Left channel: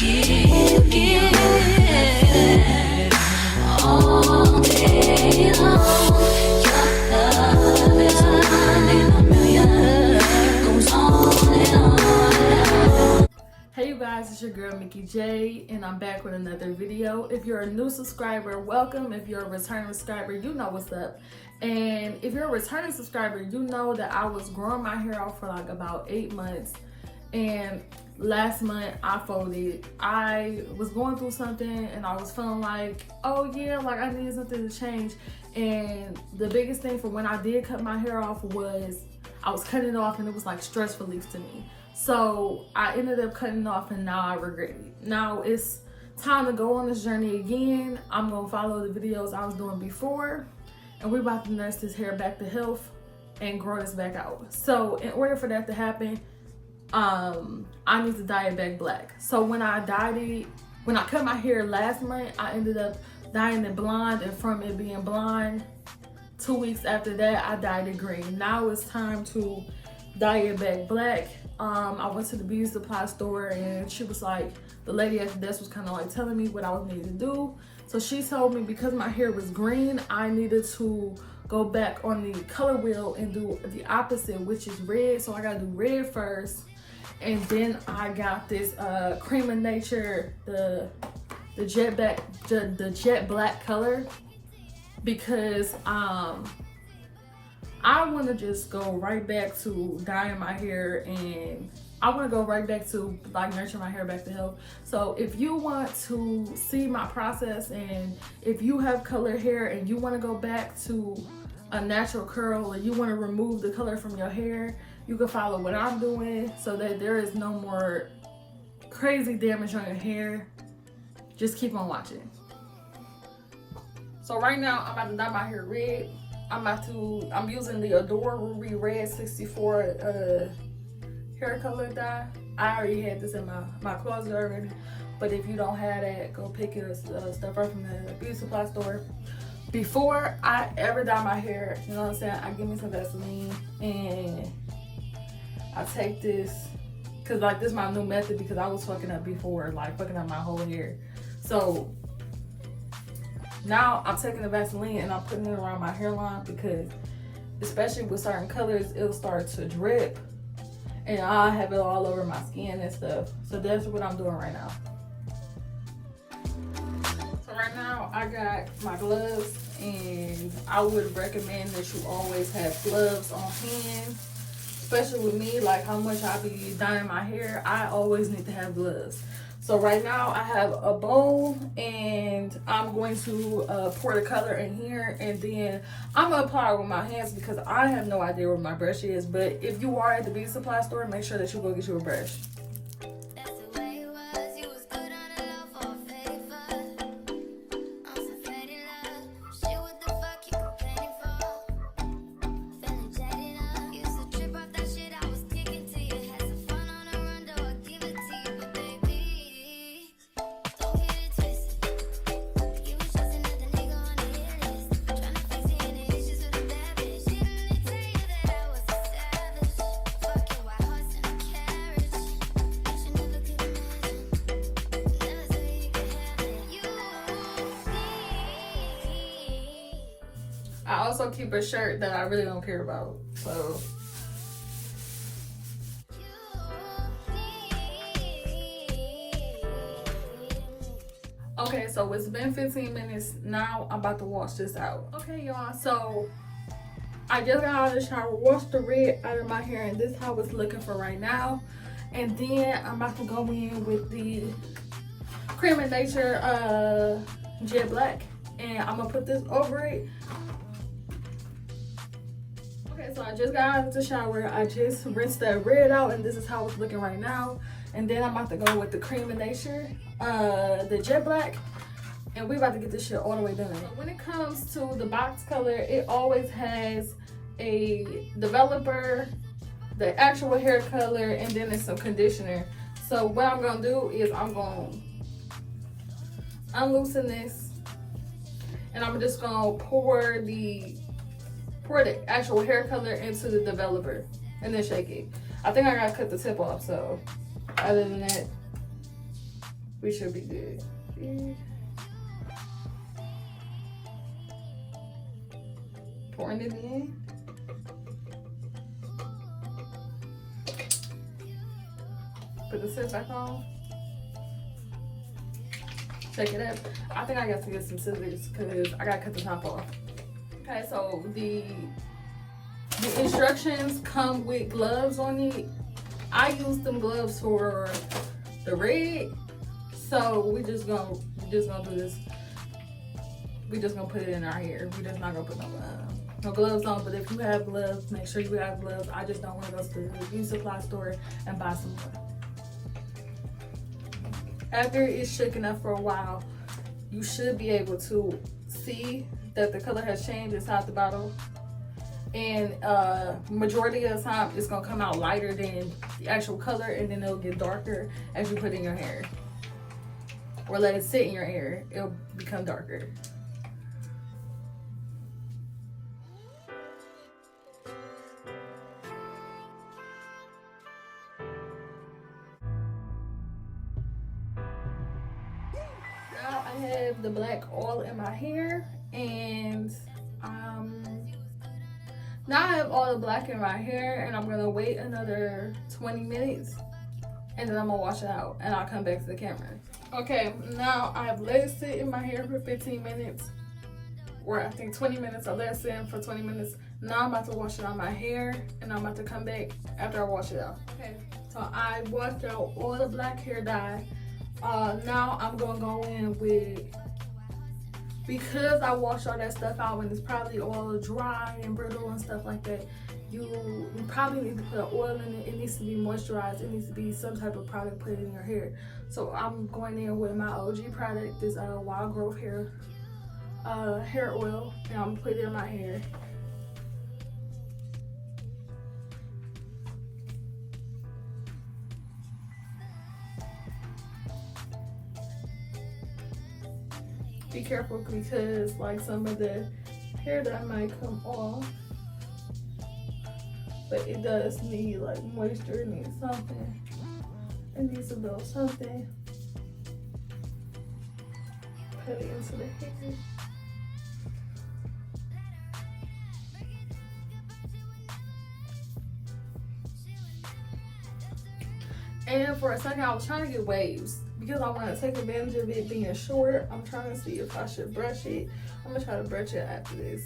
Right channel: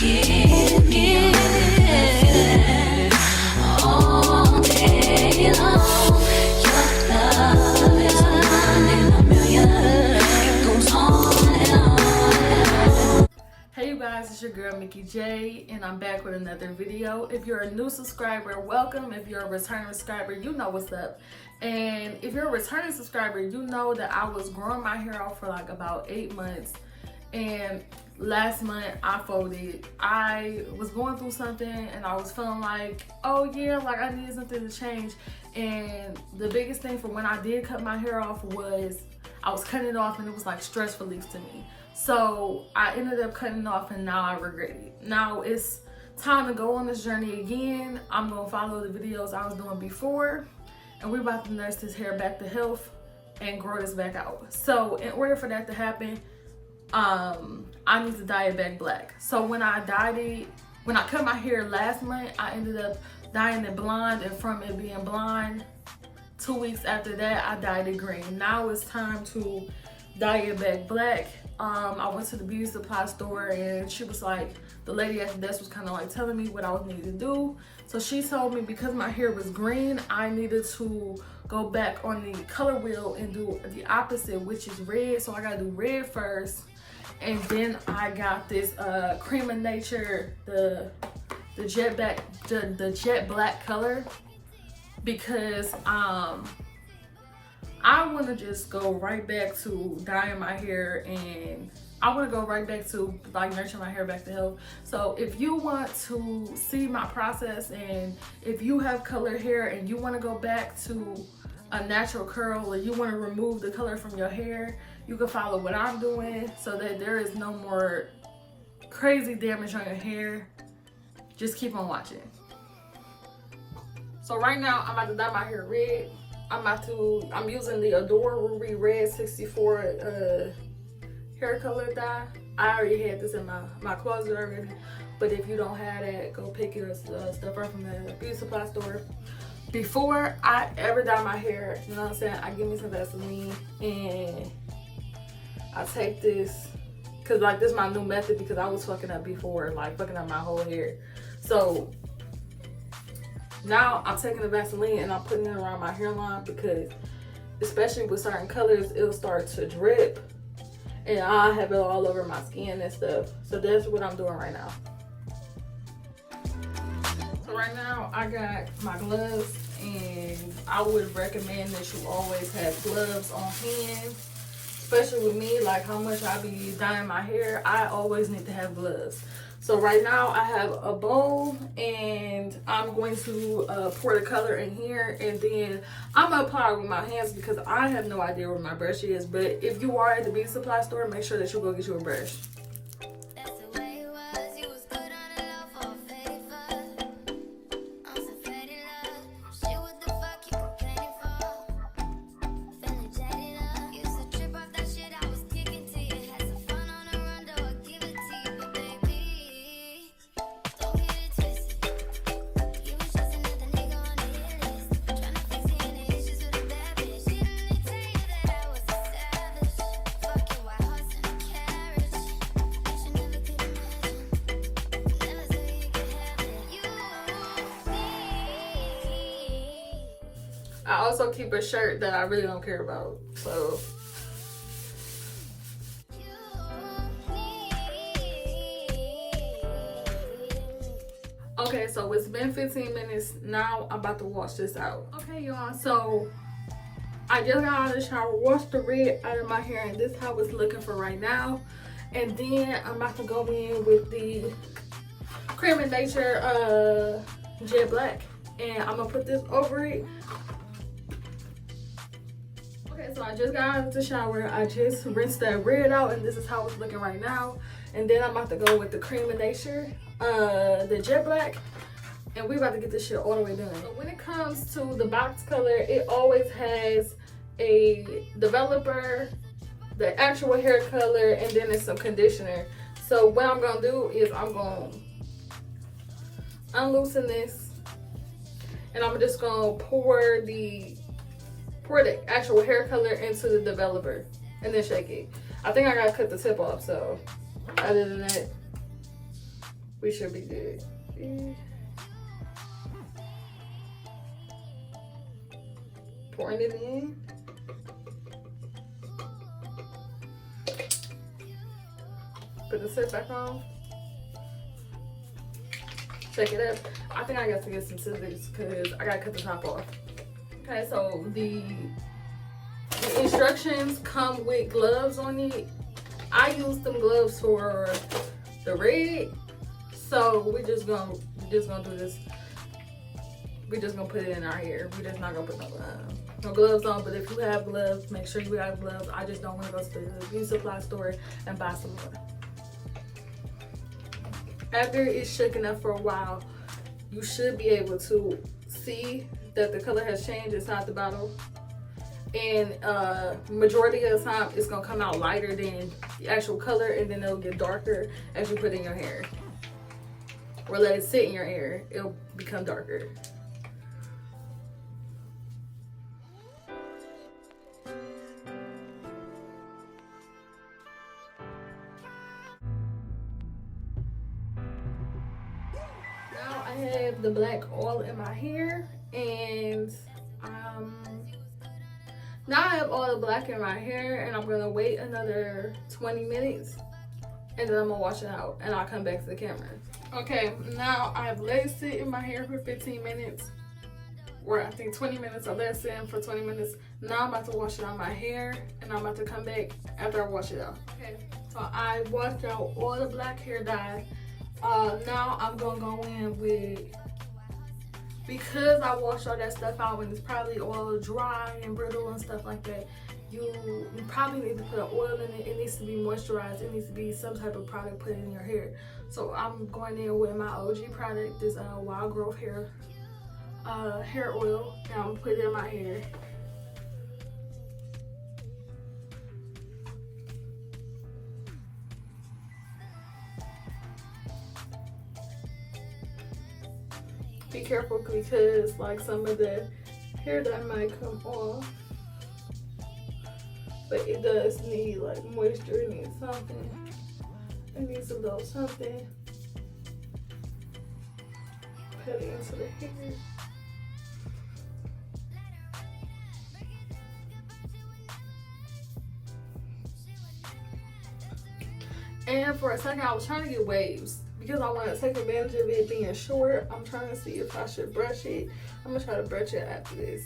give all day long. Your love is one in a million. It goes on and on. Hey you guys, it's your girl Themickeyjay, and I'm back with another video. If you're a new subscriber, welcome. If you're a returning subscriber, you know what's up. And if you're a returning subscriber, you know that I was growing my hair out for like about 8 months. And last month I folded. I was going through something and I was feeling like, oh yeah, like I needed something to change. And the biggest thing for when I did cut my hair off was I was cutting it off and it was like stress relief to me. So I ended up cutting it off and now I regret it. Now it's time to go on this journey again. I'm gonna follow the videos I was doing before, and we're about to nurse this hair back to health and grow this back out. So in order for that to happen, I need to dye it back black. So when I cut my hair last month, I ended up dyeing it blonde, and from it being blonde, 2 weeks after that, I dyed it green. Now it's time to dye it back black. I went to the beauty supply store and she was like, the lady at the desk was kind of like telling me what I was needed to do. So she told me because my hair was green, I needed to go back on the color wheel and do the opposite, which is red. So I gotta do red first. And then I got this Cream of Nature, the jet black color, because I want to just go right back to dyeing my hair, and I want to go right back to like nurturing my hair back to health. So if you want to see my process, and if you have colored hair and you want to go back to a natural curl, or you want to remove the color from your hair, you can follow what I'm doing so that there is no more crazy damage on your hair. Just keep on watching. So right now I'm about to dye my hair red. I'm using the Adore Ruby Red 64 hair color dye. I already had this in my closet already, but if you don't have that, go pick your stuff up from the beauty supply store. Before I ever dye my hair, you know what I'm saying, I give me some Vaseline and I take this, cause like this is my new method, because I was fucking up before, like fucking up my whole hair. So now I'm taking the Vaseline and I'm putting it around my hairline, because especially with certain colors, it'll start to drip and I'll have it all over my skin and stuff. So that's what I'm doing right now. So right now I got my gloves, and I would recommend that you always have gloves on hand, especially with me, like how much I be dyeing my hair. I always need to have gloves. So right now I have a bowl, and I'm going to pour the color in here, and then I'm gonna apply it with my hands because I have no idea where my brush is. But if you are at the beauty supply store, make sure that you go get you a brush. I also keep a shirt that I really don't care about, so. Okay, so it's been 15 minutes. Now I'm about to wash this out. Okay, y'all, so I just got out of the shower, washed the red out of my hair, and this is how it's looking for right now. And then I'm about to go in with the Cream of Nature jet black, and I'm gonna put this over it. Okay, so I just got out of the shower. I just rinsed that red out, and this is how it's looking right now. And then I'm about to go with the Cream of Nature, the jet black, and we're about to get this shit all the way done. So when it comes to the box color, it always has a developer, the actual hair color, and then there's some conditioner. So what I'm gonna do is I'm gonna unloosen this, and I'm just gonna pour the actual hair color into the developer and then shake it. I think I gotta cut the tip off, so other than that, we should be good. See? Pouring it in. Put the scissors back on. Take it up. I think I got to get some scissors because I gotta cut the top off. Okay, so the instructions come with gloves on it. I use them gloves for the red, so we just gonna do this. We just gonna put it in our hair. We just not gonna put no gloves on. But if you have gloves, make sure you have gloves. I just don't want to go to the beauty supply store and buy some more. After it's shaken up for a while, you should be able to see that the color has changed inside the bottle. And majority of the time, it's gonna come out lighter than the actual color, and then it'll get darker as you put it in your hair. Or let it sit in your hair, it'll become darker. Now I have the black oil in my hair, and now I have all the black in my hair, and I'm gonna wait another 20 minutes, and then I'm gonna wash it out, and I'll come back to the camera. Okay, now I have let it sit in my hair for 15 minutes, or I think 20 minutes. I let it sit in for 20 minutes. Now I'm about to wash it out my hair, and I'm about to come back after I wash it out. Okay, so I washed out all the black hair dye. Now I'm gonna go in with, because I washed all that stuff out and it's probably all dry and brittle and stuff like that, you probably need to put oil in it. It needs to be moisturized. It needs to be some type of product put in your hair. So I'm going in with my OG product, this Wild Growth hair oil, and I'm gonna put it in my hair. Be careful because like some of the hair dye might come off, but it does need like moisture. It needs something. It needs a little something. Put it into the hair. And for a second, I was trying to get waves because I want to take advantage of it being short. I'm trying to see if I should brush it. I'm gonna try to brush it after this.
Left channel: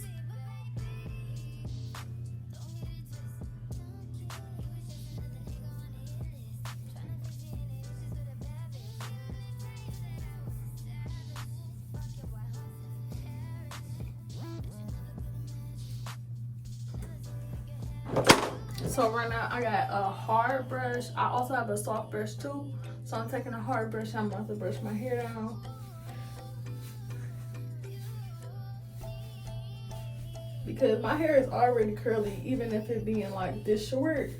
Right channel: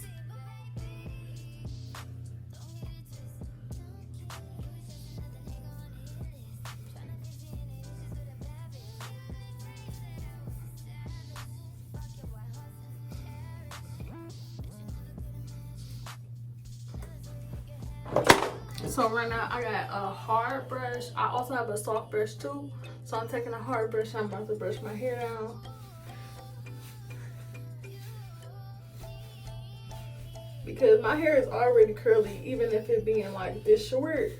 So right now I got a hard brush. I also have a soft brush too. So I'm taking a hard brush and I'm about to brush my hair down. Because my hair is already curly, even if it being like this short.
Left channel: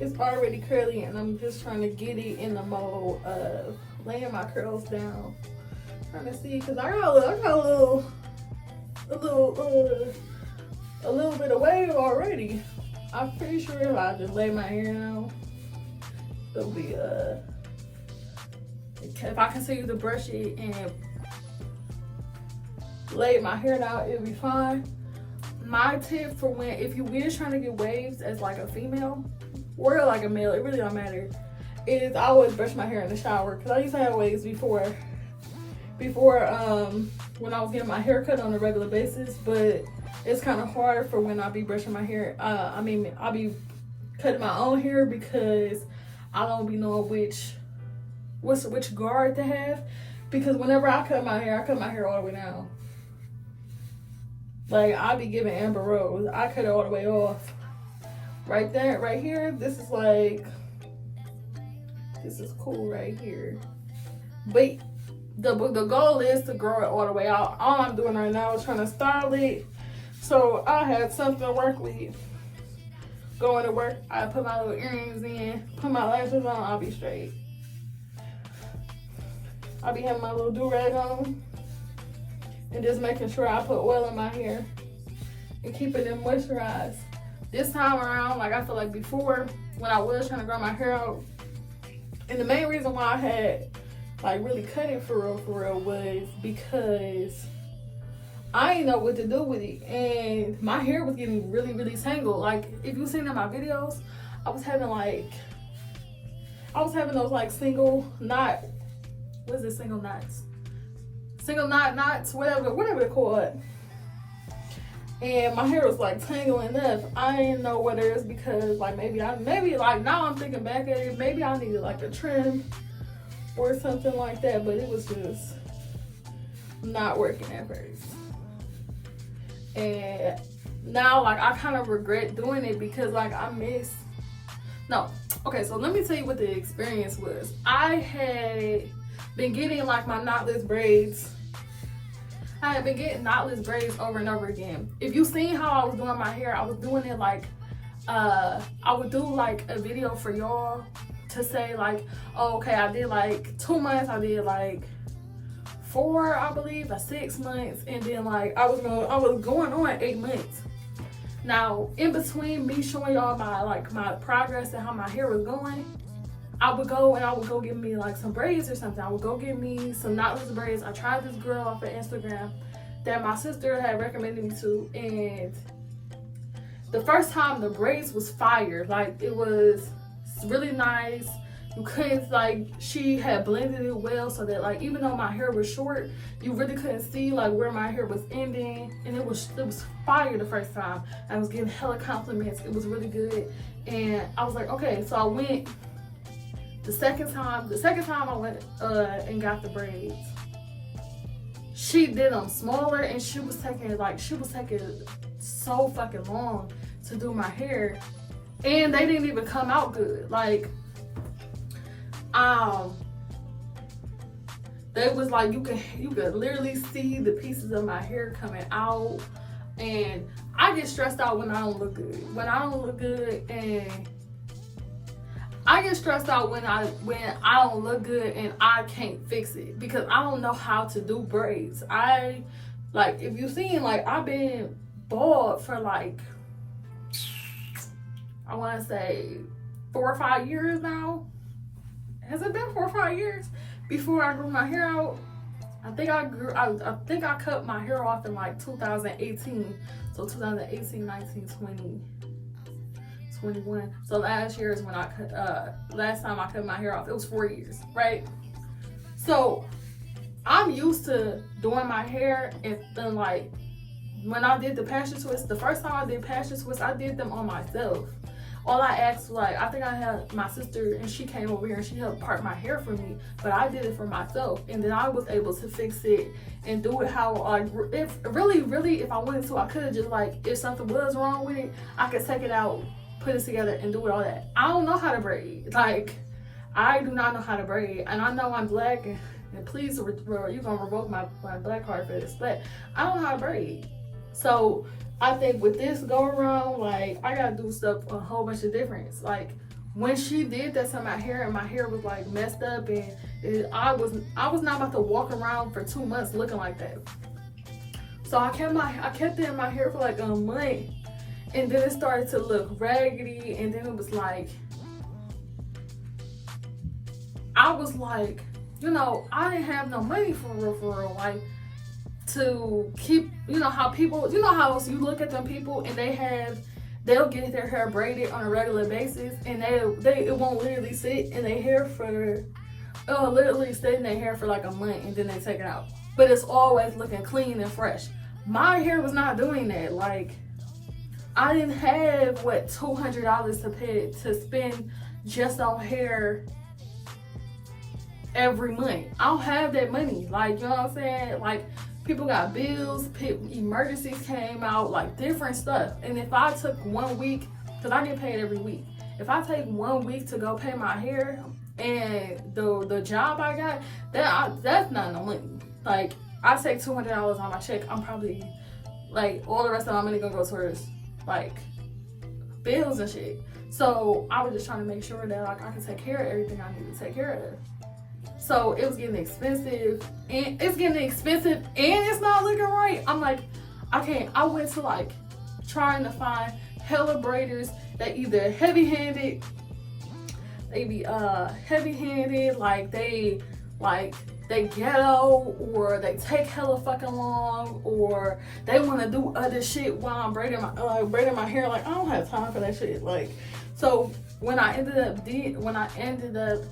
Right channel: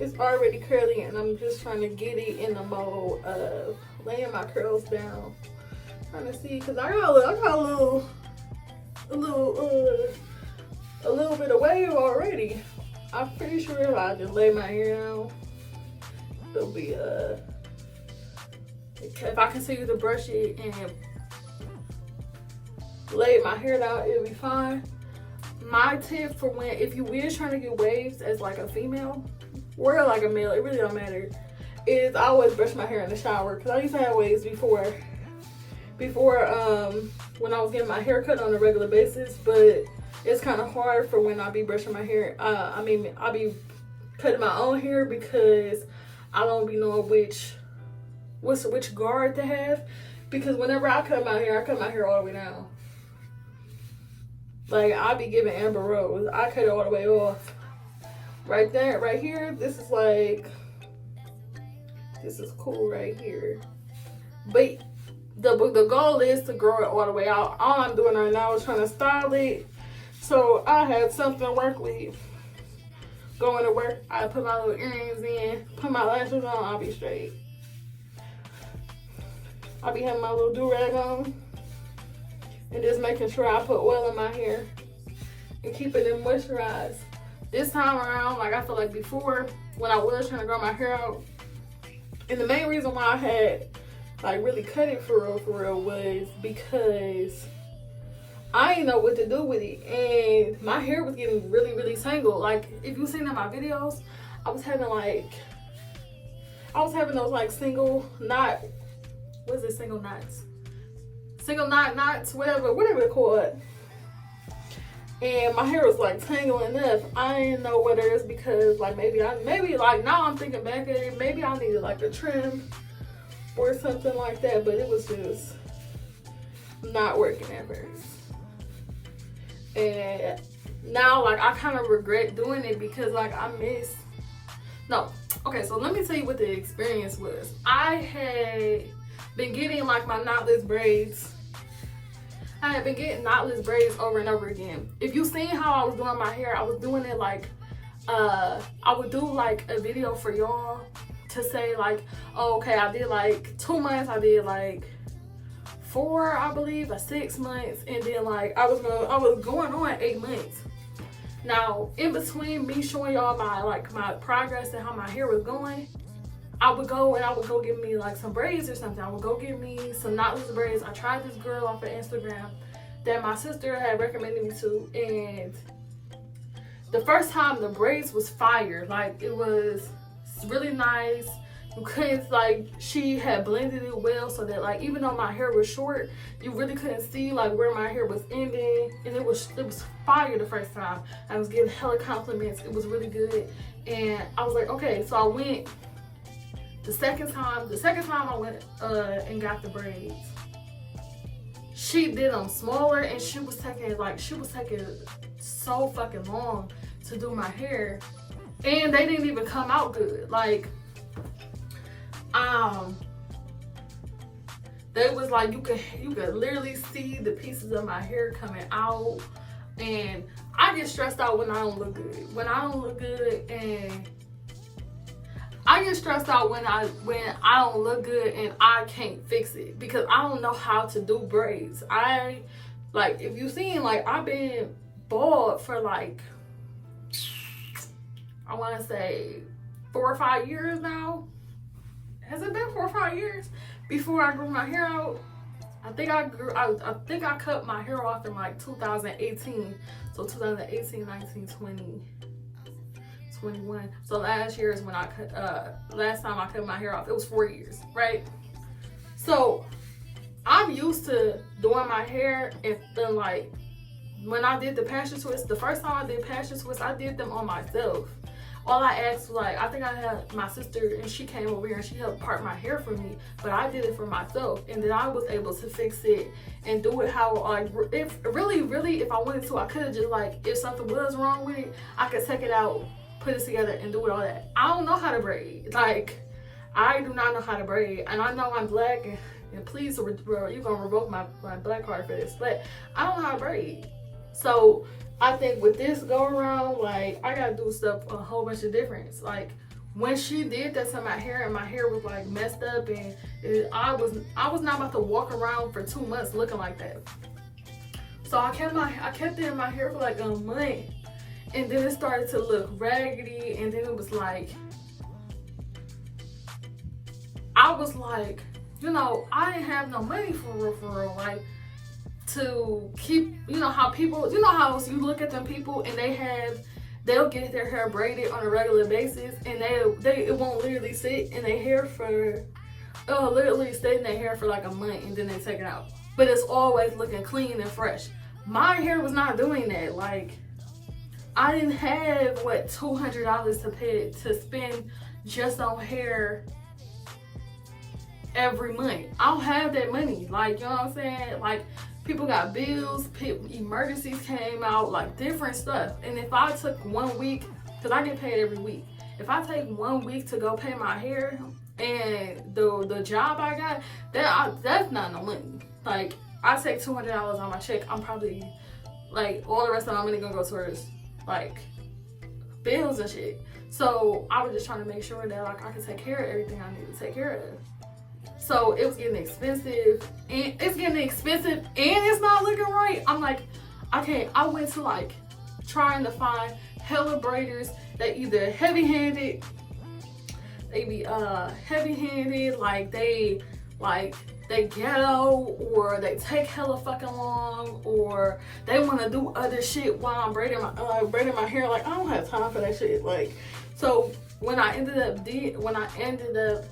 It's already curly, and I'm just trying to get it in the mode of laying my curls down. Trying to see, cause I got a little bit of wave already. I'm pretty sure if I just lay my hair down, it'll be if I continue to brush it and lay my hair down, it'll be fine. My tip for when, if you is trying to get waves as like a female or like a male, it really don't matter, is I always brush my hair in the shower. Cause I used to have waves before when I was getting my hair cut on a regular basis, but it's kind of hard for when I be brushing my hair. I be cutting my own hair because I don't be knowing which guard to have. Because whenever I cut my hair all the way down. Like I be giving Amber Rose, I cut it all the way off. Right there, right here, this is cool right here. But the goal is to grow it all the way out. All I'm doing right now is trying to style it. So I had something to work with. Going to work, I put my little earrings in, put my lashes on, I'll be straight. I'll be having my little do-rag on. And just making sure I put oil in my hair. And keeping it moisturized. This time around, like I feel like before, when I was trying to grow my hair out, and the main reason why I had like really cut it for real was because I didn't know what to do with it, and my hair was getting really tangled. Like if you seen in my videos, I was having those like single knot, what's it, single knots, whatever they're called. And my hair was like tangling up. I didn't know whether it's because like maybe like now I'm thinking back at it, maybe I needed like a trim or something like that, but it was just not working at first. And now like I kind of regret doing it because like so let me tell you what the experience was. I had been getting like my knotless braids. I had been getting knotless braids over and over again. If you seen how I was doing my hair, I was doing it like I would do like a video for y'all to say like, oh, okay, I did like 2 months, I did like 4, I believe, like 6 months, and then like I was going on 8 months. Now in between me showing y'all my progress and how my hair was going, I would go get me like some braids or something. I would go get me some knotless braids. I tried this girl off of Instagram that my sister had recommended me to, and the first time the braids was fire. Like it was really nice. You couldn't, like, she had blended it well so that like even though my hair was short, you really couldn't see like where my hair was ending, and it was fire the first time. I was getting hella compliments. It was really good, and I was like, okay. So I went the second time I went and got the braids. She did them smaller, and she was taking so fucking long to do my hair, and they didn't even come out good. Like they was like you could literally see the pieces of my hair coming out, and I get stressed out when I don't look good. And I get stressed out when I don't look good and I can't fix it because I don't know how to do braids. If you seen, like, I've been bald for like, I want to say 4 or 5 years now. Has it been 4 or 5 years before I grew my hair out? I think I cut my hair off in like 2018. So 2018, 19, 20, 21. So last year is when I cut, last time I cut my hair off. It was 4 years, right? So I'm used to doing my hair, and then like when I did the passion twists, the first time I did passion twists, I did them on myself. All I asked, like, I think I had my sister, and she came over here and she helped part my hair for me, but I did it for myself, and then I was able to fix it and do it how, like, if I wanted to, I could have just, like, if something was wrong with it, I could take it out, put it together, and do it all that. I don't know how to braid. Like, I do not know how to braid, and I know I'm black, and please, you're gonna revoke my black card for this, but I don't know how to braid. So I think with this go around, like, I gotta do stuff a whole bunch of difference. Like, when she did that to my hair, and my hair was like messed up, and I was not about to walk around for 2 months looking like that. So I kept it in my hair for like a month, and then it started to look raggedy, and then it was like, I was like, you know, I didn't have no money for real, like, to keep, you know how people, you know how you look at them people and they'll get their hair braided on a regular basis, and it won't literally sit in their hair it'll literally stay in their hair for like a month, and then they take it out, but it's always looking clean and fresh. My hair was not doing that. Like, I didn't have $200 to spend just on hair every month. I don't have that money. Like, you know what I'm saying? Like, people got bills, emergencies came out, like different stuff. And if I took 1 week, because I get paid every week, if I take 1 week to go pay my hair, and the job I got, that's not no money. Like, I take $200 on my check, I'm probably, like, all the rest of my money gonna go towards, like, bills and shit. So I was just trying to make sure that, like, I could take care of everything I need to take care of. So it was getting expensive, and it's not looking right. I'm like, I went to, like, trying to find hella braiders that either heavy-handed, like they like they ghetto, or they take hella fucking long, or they want to do other shit while I'm braiding my hair. Like, I don't have time for that shit. Like, so when I ended up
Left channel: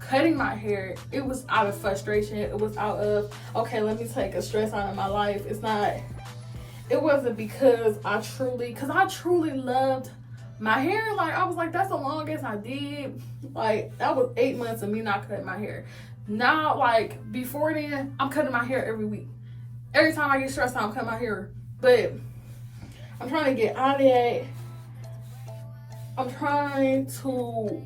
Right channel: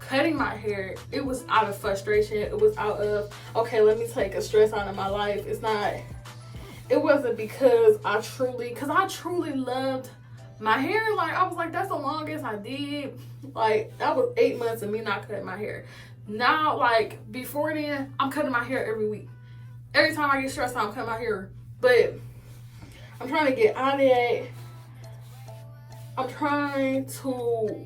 cutting my hair, it was out of frustration. It was out of, okay, let me take a stress out of my life. It wasn't because I truly loved my hair. Like, I was like, that's the longest I did. Like, that was 8 months of me not cutting my hair. Now, like, before then, I'm cutting my hair every week. Every time I get stressed out, I'm cutting my hair. But I'm trying to get out of that. I'm trying to,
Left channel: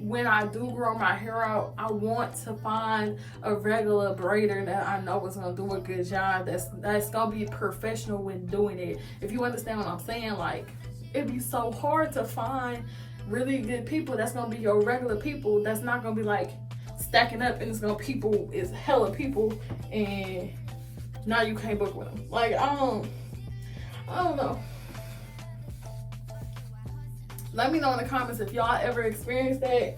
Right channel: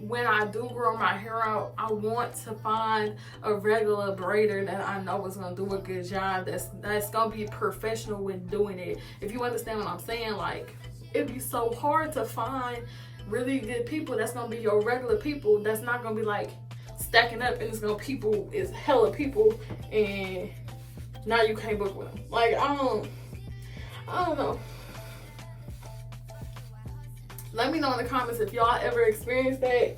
when I do grow my hair out, I want to find a regular braider that I know is gonna do a good job, that's gonna be professional when doing it. If you understand what I'm saying, like, it'd be so hard to find really good people that's gonna be your regular people, that's not gonna be like stacking up and it's hella people and now you can't book with them. Like, I don't know. Let me know in the comments if y'all ever experienced that.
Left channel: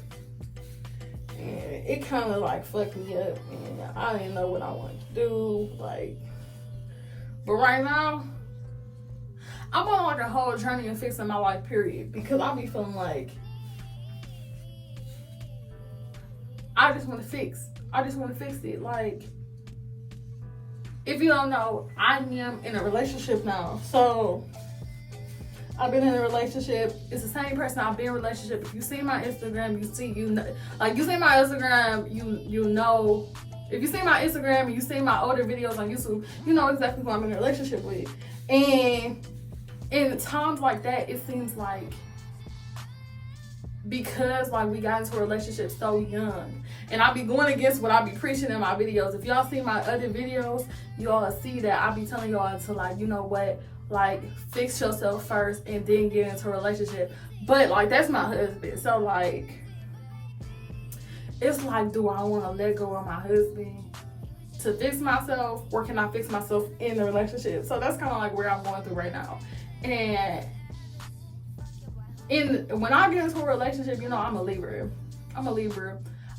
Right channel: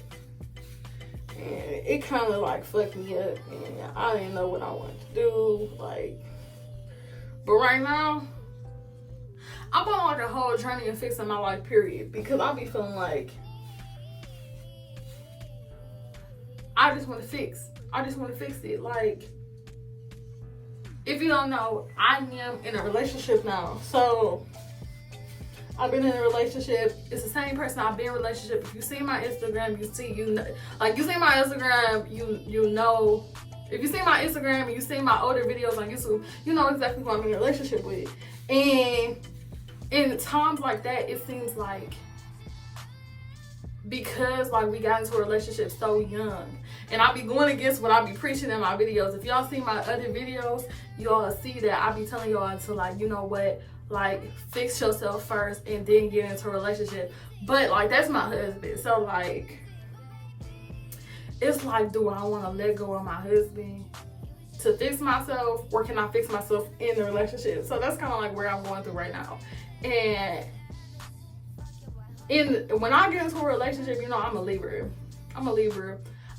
And it kind of like fucked me up, and I didn't know what I wanted to do. Like, but right now, I'm on like a whole journey of fixing my life, period. Because I be feeling like I just want to fix it. Like, if you don't know, I am in a relationship now. So I've been in a relationship. It's the same person I've been in a relationship. If you see my Instagram, you see my Instagram, you know. If you see my Instagram and you see my older videos on YouTube, you know exactly who I'm in a relationship with. And in times like that, it seems like, because like we got into a relationship so young, and I be going against what I be preaching in my videos. If y'all see my other videos, y'all see that I be telling y'all to, like, you know what, like, fix yourself first and then get into a relationship. But like, that's my husband, so like, it's like, do I want to let go of my husband to fix myself, or can I fix myself in the relationship? So that's kind of like where I'm going through right now. And when I get into a relationship, you know, I'm a Libra.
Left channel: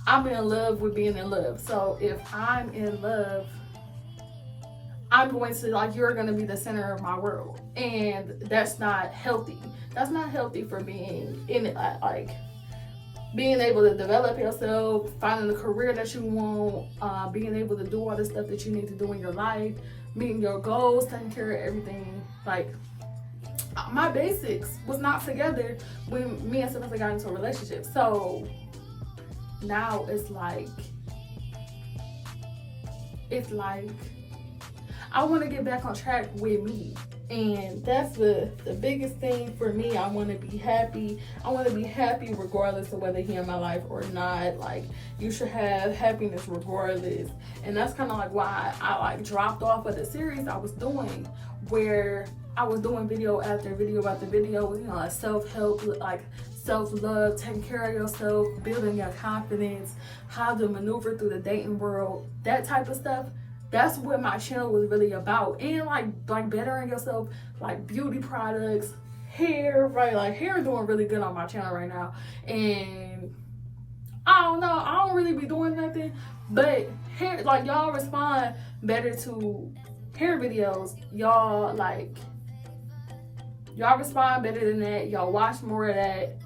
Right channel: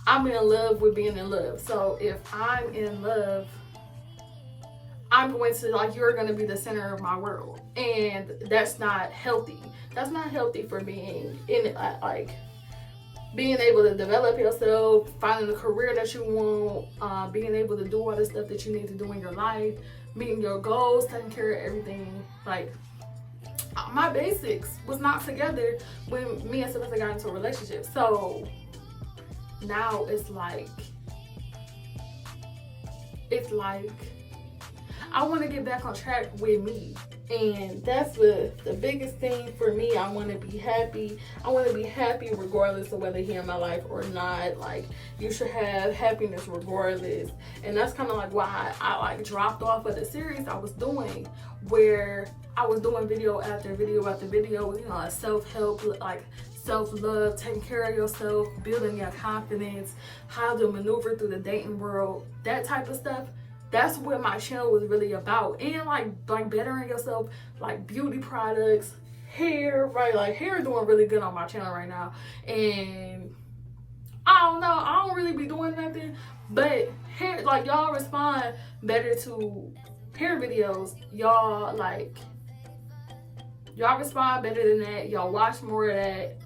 I'm in love with being in love. So if I'm in love, I'm going to, like, you're going to be the center of my world. And that's not healthy. That's not healthy for being in it. Like, being able to develop yourself, finding a career that you want, being able to do all the stuff that you need to do in your life, meeting your goals, taking care of everything. Like, my basics was not together when me and Samantha got into a relationship. So now it's like I want to get back on track with me, and that's the biggest thing for me. I want to be happy. I want to be happy regardless of whether he in my life or not. Like, you should have happiness regardless. And that's kind of like why I like dropped off of the series I was doing, where I was doing video after video after video, you know, like self-help, like self-love, taking care of yourself, building your confidence, how to maneuver through the dating world, that type of stuff. That's what my channel was really about. And like bettering yourself, like beauty products, hair, right? Like, hair is doing really good on my channel right now. And I don't know, I don't really be doing nothing, but hair, like, y'all respond better to hair videos. Y'all respond better than that. Y'all watch more of that.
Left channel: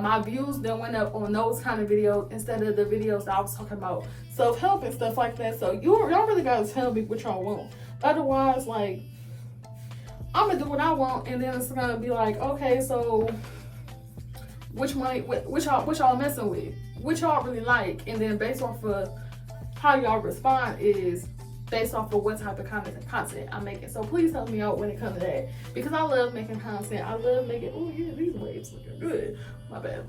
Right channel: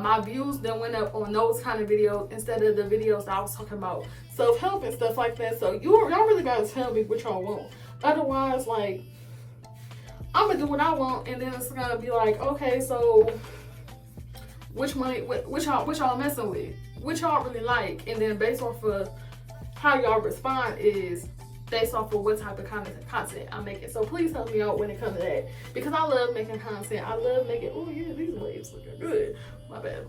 My views then went up on those kind of videos instead of the videos that I was talking about self-help and stuff like that. So y'all really gotta tell me what y'all want. Otherwise, like, I'm gonna do what I want, and then it's gonna be like, okay, so which y'all messing with, which y'all really like, and then based off of how y'all respond is based off of what type of content I'm making. So please help me out when it comes to that, because I love making content. I love making, oh yeah, these waves looking good. My bad.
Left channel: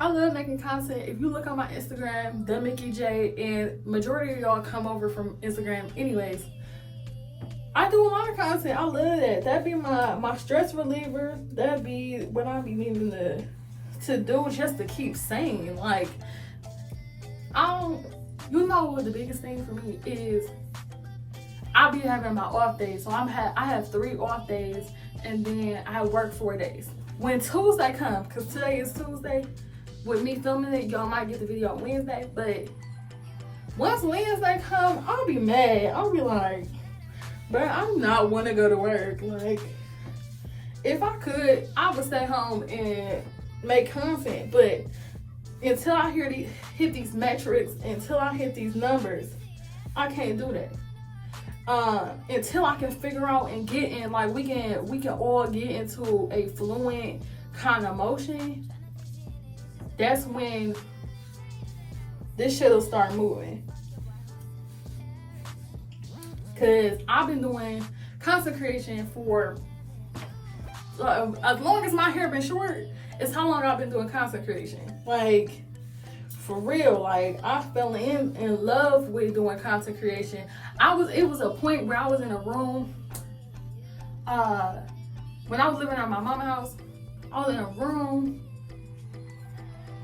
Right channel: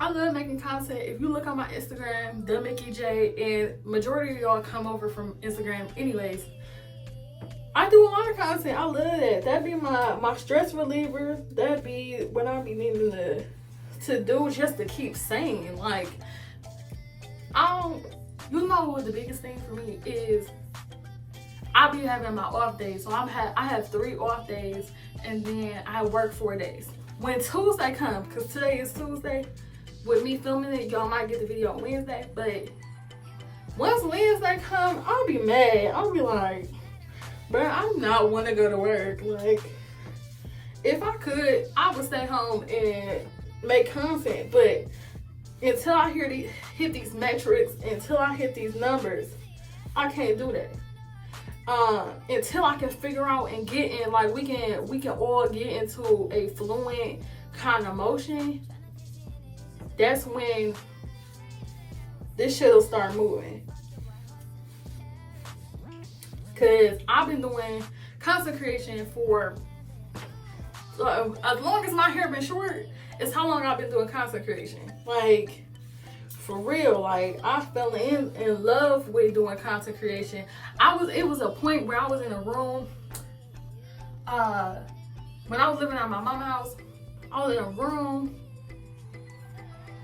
I love making content. If you look on my Instagram, Themickeyjay, and majority of y'all come over from Instagram anyways, I do a lot of content. I love that. That'd be my stress reliever. That'd be what I be needing to do just to keep sane. Like, you know what the biggest thing for me is? I be having my off days. So I have 3 off days, and then I work 4 days. When Tuesday comes, because today is Tuesday, with me filming it, y'all might get the video on Wednesday, but once Wednesday come, I'll be mad. I'll be like, bro, I'm not want to go to work. Like, if I could, I would stay home and make content. But until I hit these metrics, until I hit these numbers, I can't do that. Until I can figure out and get in, like, we can all get into a fluent kind of motion. That's when this shit will start moving. Cause I've been doing content creation for as long as my hair been short. It's how long I've been doing content creation. Like, for real, like, I fell in love with doing content creation. It was a point where I was in a room, when I was living at my mama's house, I was in a room,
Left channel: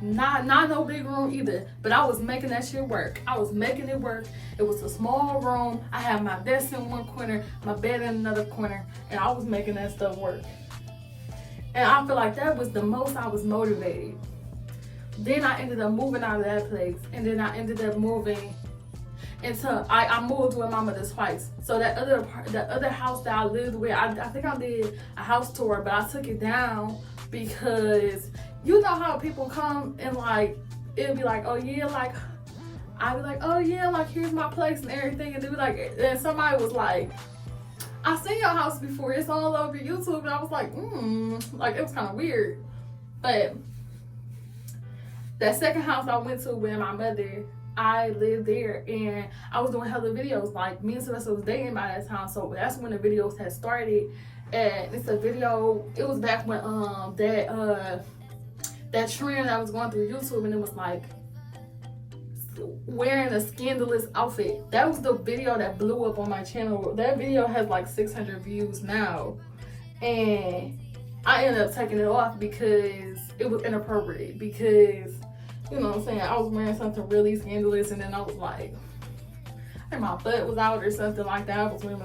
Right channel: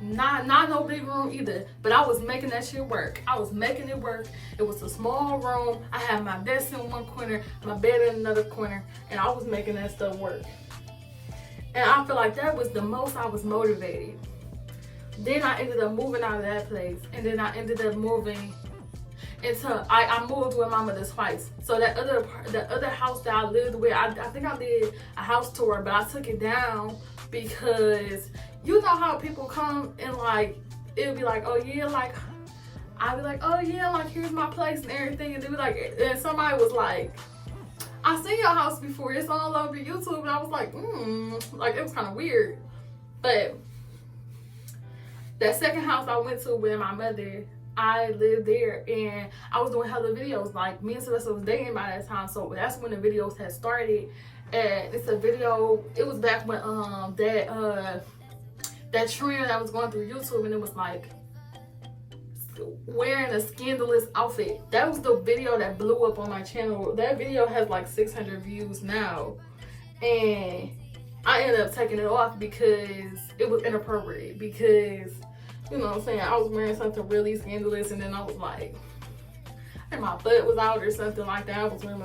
not no big room either, but I was making that shit work. I was making it work. It was a small room. I had my desk in one corner, my bed in another corner, and I was making that stuff work. And I feel like that was the most I was motivated. Then I ended up moving out of that place, and then I ended up moving into, I moved with my mother twice. So the other house that I lived with, I think I did a house tour, but I took it down because you know how people come and like, it'll be like, oh yeah, like, I'd be like, oh yeah, like, here's my place and everything. And they be like, and somebody was like, I seen your house before, it's all over YouTube. And I was like, like, it was kind of weird. But that second house I went to with my mother, I lived there and I was doing hella videos. Like, me and Sylvester was dating by that time, so that's when the videos had started. And it's a video, it was back when that trend that was going through YouTube, and it was like wearing a scandalous outfit. That was the video that blew up on my channel. That video has like 600 views now, and I ended up taking it off because it was inappropriate. Because, you know what I'm saying, I was wearing something really scandalous, and then I was like, and my butt was out or something like that. I was wearing I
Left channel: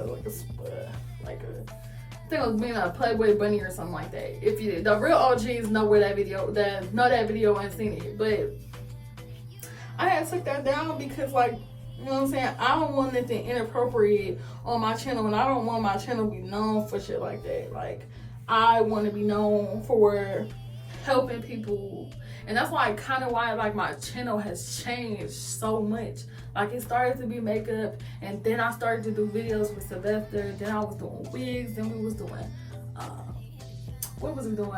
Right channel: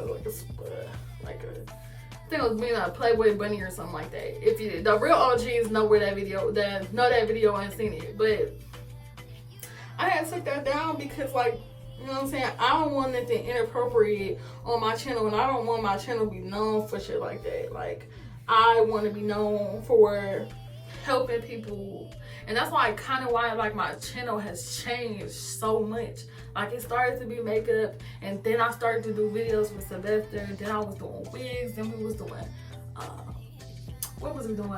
think it was being a Playboy bunny or something like that. If you, the real OGs know where that video, know that video and seen it. But I had took that down because, like, you know what I'm saying, I don't want anything inappropriate on my channel, and I don't want my channel to be known for shit like that. Like, I want to be known for helping people. And that's why, kind of why, like, my channel has changed so much. Like, it started to be makeup, and then I started to do videos with Sylvester, and then I was doing wigs, and we was doing, what was we doing?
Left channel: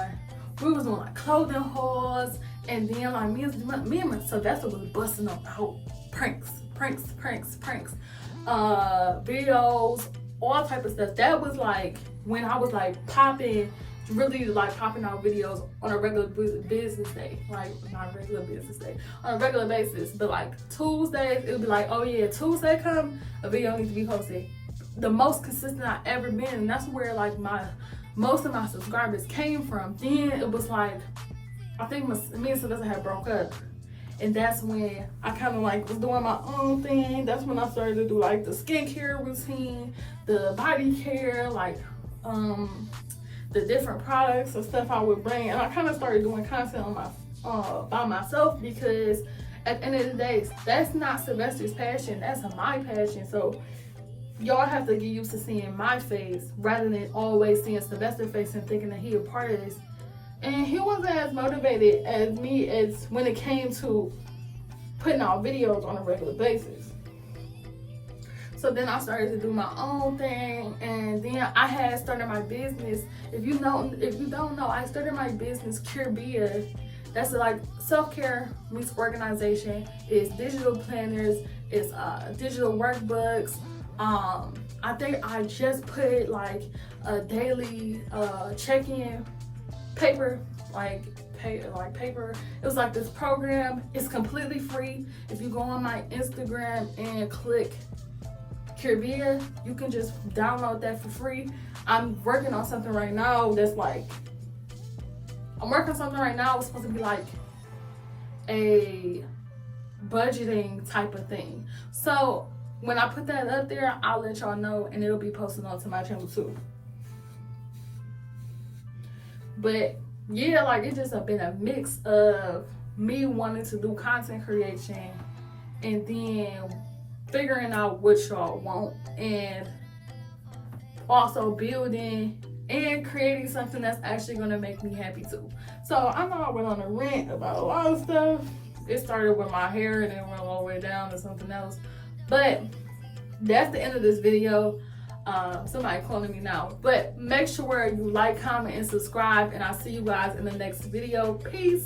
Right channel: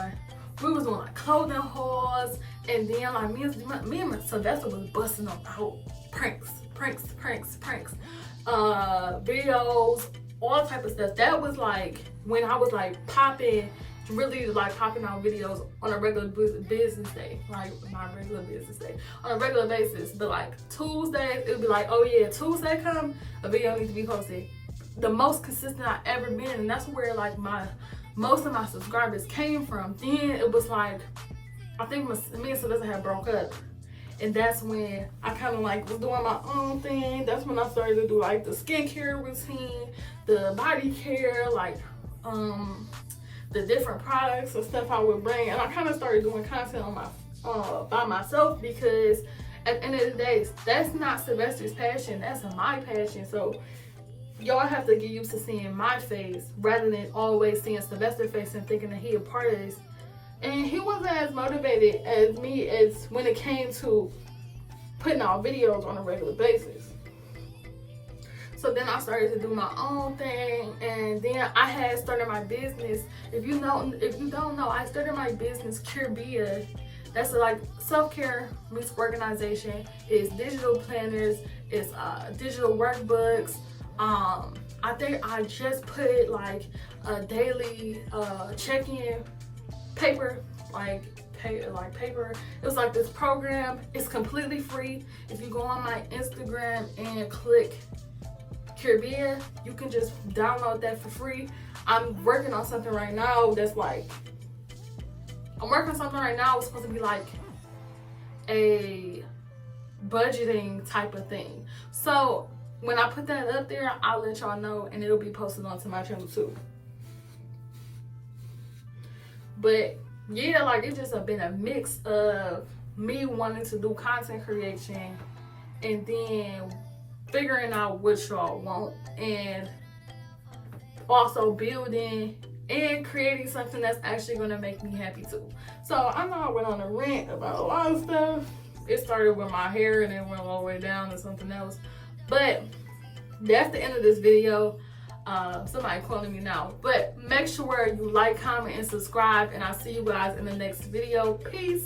We was doing, like, clothing hauls, and then, like, me and Sylvester was busting up out pranks, videos, all type of stuff. That was, like, when I was, like, really like popping out videos on a regular business day. Like, not regular business day, on a regular basis. But like Tuesdays, it would be like, oh yeah, Tuesday come, a video needs to be posted. The most consistent I ever been, and that's where like most of my subscribers came from. Then it was like, I think me and Sylvester had broke up, and that's when I kind of like was doing my own thing. That's when I started to do like the skincare routine, the body care, like the different products and stuff I would bring. And I kind of started doing content on my by myself, because at the end of the day, that's not Sylvester's passion, that's my passion. So y'all have to get used to seeing my face rather than always seeing Sylvester's face and thinking that he a part of this. And he wasn't as motivated as me as when it came to putting out videos on a regular basis. So then I started to do my own thing, and then I had started my business. If you don't know, I started my business, Curbia. That's like self-care meets organization. It's digital planners, it's digital workbooks. I think I just put like a daily check-in paper, paper. It was like this program. It's completely free. If you go on my Instagram and click Curbia, you can just download that for free. I'm working on something right now that's like, it's supposed to be like a budgeting type of thing. So when I put that up there, I'll let y'all know, and it'll be posted onto my channel too. But yeah, like, it's just been a mix of me wanting to do content creation and then figuring out what y'all want, and also building and creating something that's actually going to make me happy too. So I know I went on a rant about a lot of stuff. It started with my hair and then went all the way down to something else. But that's the end of this video. Somebody calling me now. But make sure you like, comment, and subscribe. And I'll see you guys in the next video. Peace.